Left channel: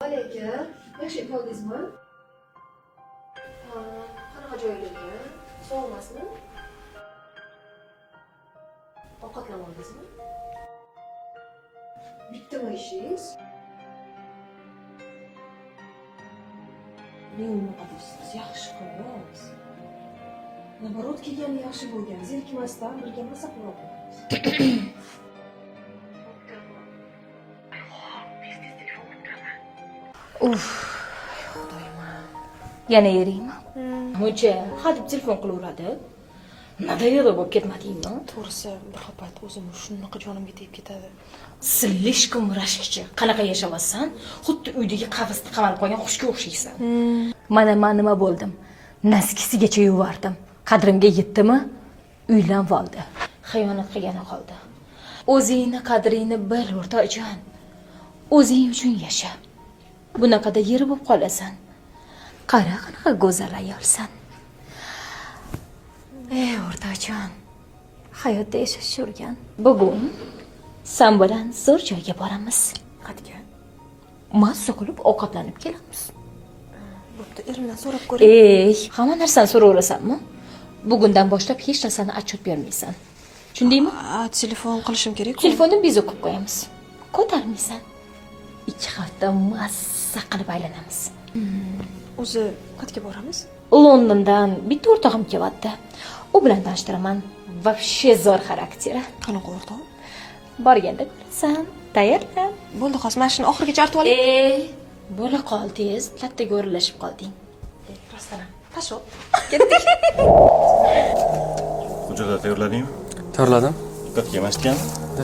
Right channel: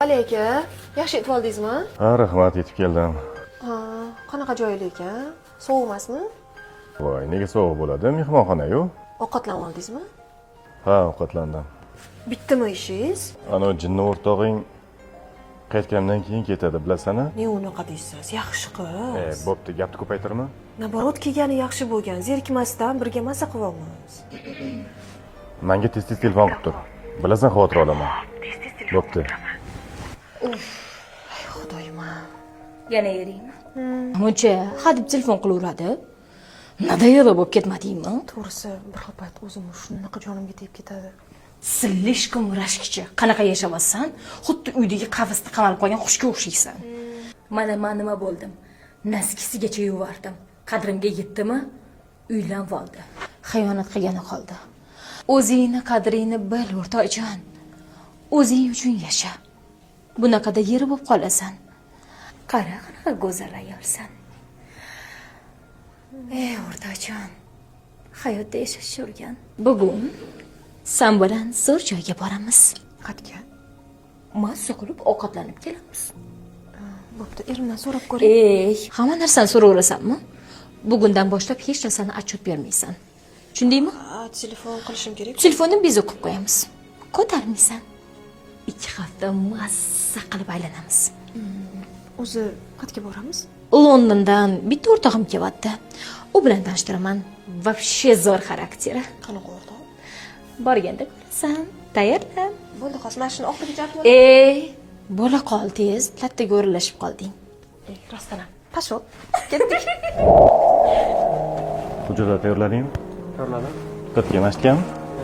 Aka, yaxshi yetib oldingizmi? Ha, rahmat, yetib keldim. Ha, qanaqa joy ekan? Sovuq emasmi? Voy, nega sovuq bo'ladi? Mehmonxona-yu. Ovqatlanib oldingizmi? Ha, ovqatlandim. Bitdimi ishingiz? Ana jinni o'rtog'ing qaytgandan keyin ketadi, bilasana? Ne unaqa deysiz? Yaxshi qiz. Bo'pti, gapni ko'paytirma. Naborot kelgani yaxshi bo'lgan. Zerikmasdan birga maza qilyapmiz. Menga tez-tez telefon qilib tur. Bilasan, xavotir olaman. Bo'pti. Xudoyim. Yana eriymi? Muncha hadeb telefon qilaveradi. Nadayada bo'lib ketmadingmi? To'g'risi, bir payt o'zim shunaqa jonimga tegib ketadi. Slishkom rashkichi. Qanaqa yashamassan, xuddi uydagi qavsda qavanib qolgan qushga o'xshaysan. Mana men nima bo'ldim? Naskisigacha yuvardim. Qadrimga yetdimi? Uylanib oldi. Xiyonat qilgani qoldi. O'zingni qadringni bil, o'rtoqjon. O'zing uchun yasha. Bunaqada yeri bo'lib qolasan. Qara, qanaqa go'zal ayolsan. O'rtoqjon, hayotda yashash o'rgan. Bugun sen bilan zo'r joyga boramiz. Qatga. Mazza qilib ovqatlanib kelamiz. Bo'pti, erimdan so'rab ko'ring. Hamma narsani so'raverasanmi? Bugundan boshlab hech narsani отчет bermaysan. Tushundingmi? Telefon qilishim kerak. Telefonni biz o'qib qo'yamiz. Ko'tarmaysan. 2 hafta mazza qilib aylanamiz. O'zi qayerga boramiz? Londondan bitta o'rtog'im kelyapti. U bilan tanishtiraman. Вообще zo'r xarakteri. Qanaqa o'rtoq? Borganda ko'rasan. Tayyorlan. Bo'ldi, hozir mana shuni oxiriga artib oling. Bo'la qoldingiz, kattaga o'ralashib qolding. Rostdan ham. Qashot. Hujjatlar tayyorladingmi? Tayyorladim. Diqqatga maskanmi?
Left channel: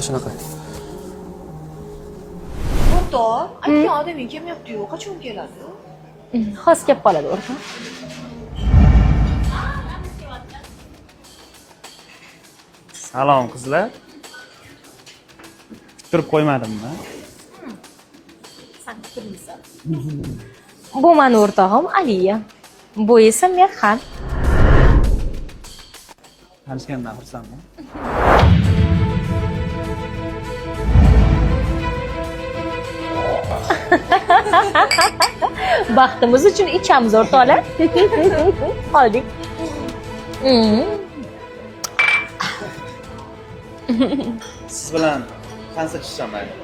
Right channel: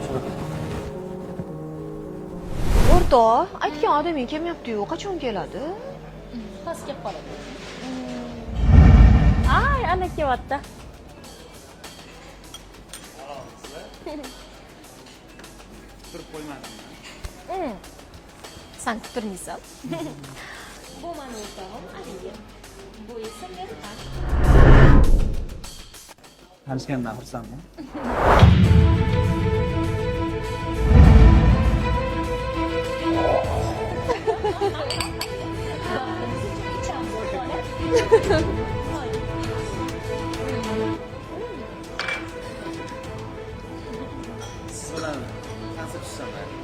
Shunaqa. O'rtoq, aytgan odamga kelmayapti-yu, qachon keladi? Xos kelib qoladi o'rtoq. Ay, ana kelyapti. Salom qizlar. Kuttirib qo'ymadimmi? Sen kutilmaysan. Bu meni o'rtog'im Aliya. Bu esa Merxan. Tanishgandan xursandman. Baxtimiz uchun ichamiz o'rtoqlar. Oldik. Siz bilan tanishishim mayli.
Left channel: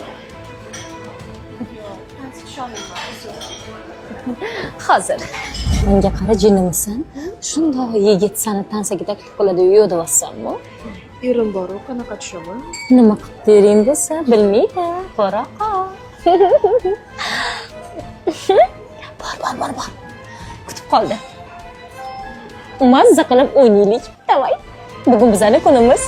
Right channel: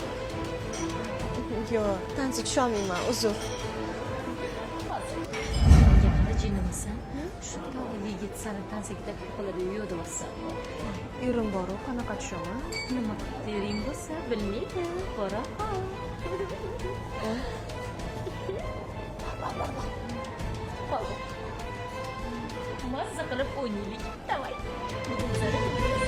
Yo'q, tansi tusholmayman, uzr. Hozir. Menga qara jinnimisan? Shundoq yigit seni tansaga taklif qiladi, yo'q deyapsanmi? Erim bor-ku, qanaqa tushaman? Nima qilib bering desa, bilmaydi. To'ra qol. Bor. Kutib qoldi. Mazza qilib o'ynaylik. Davay. Bugun bizning kunimiz.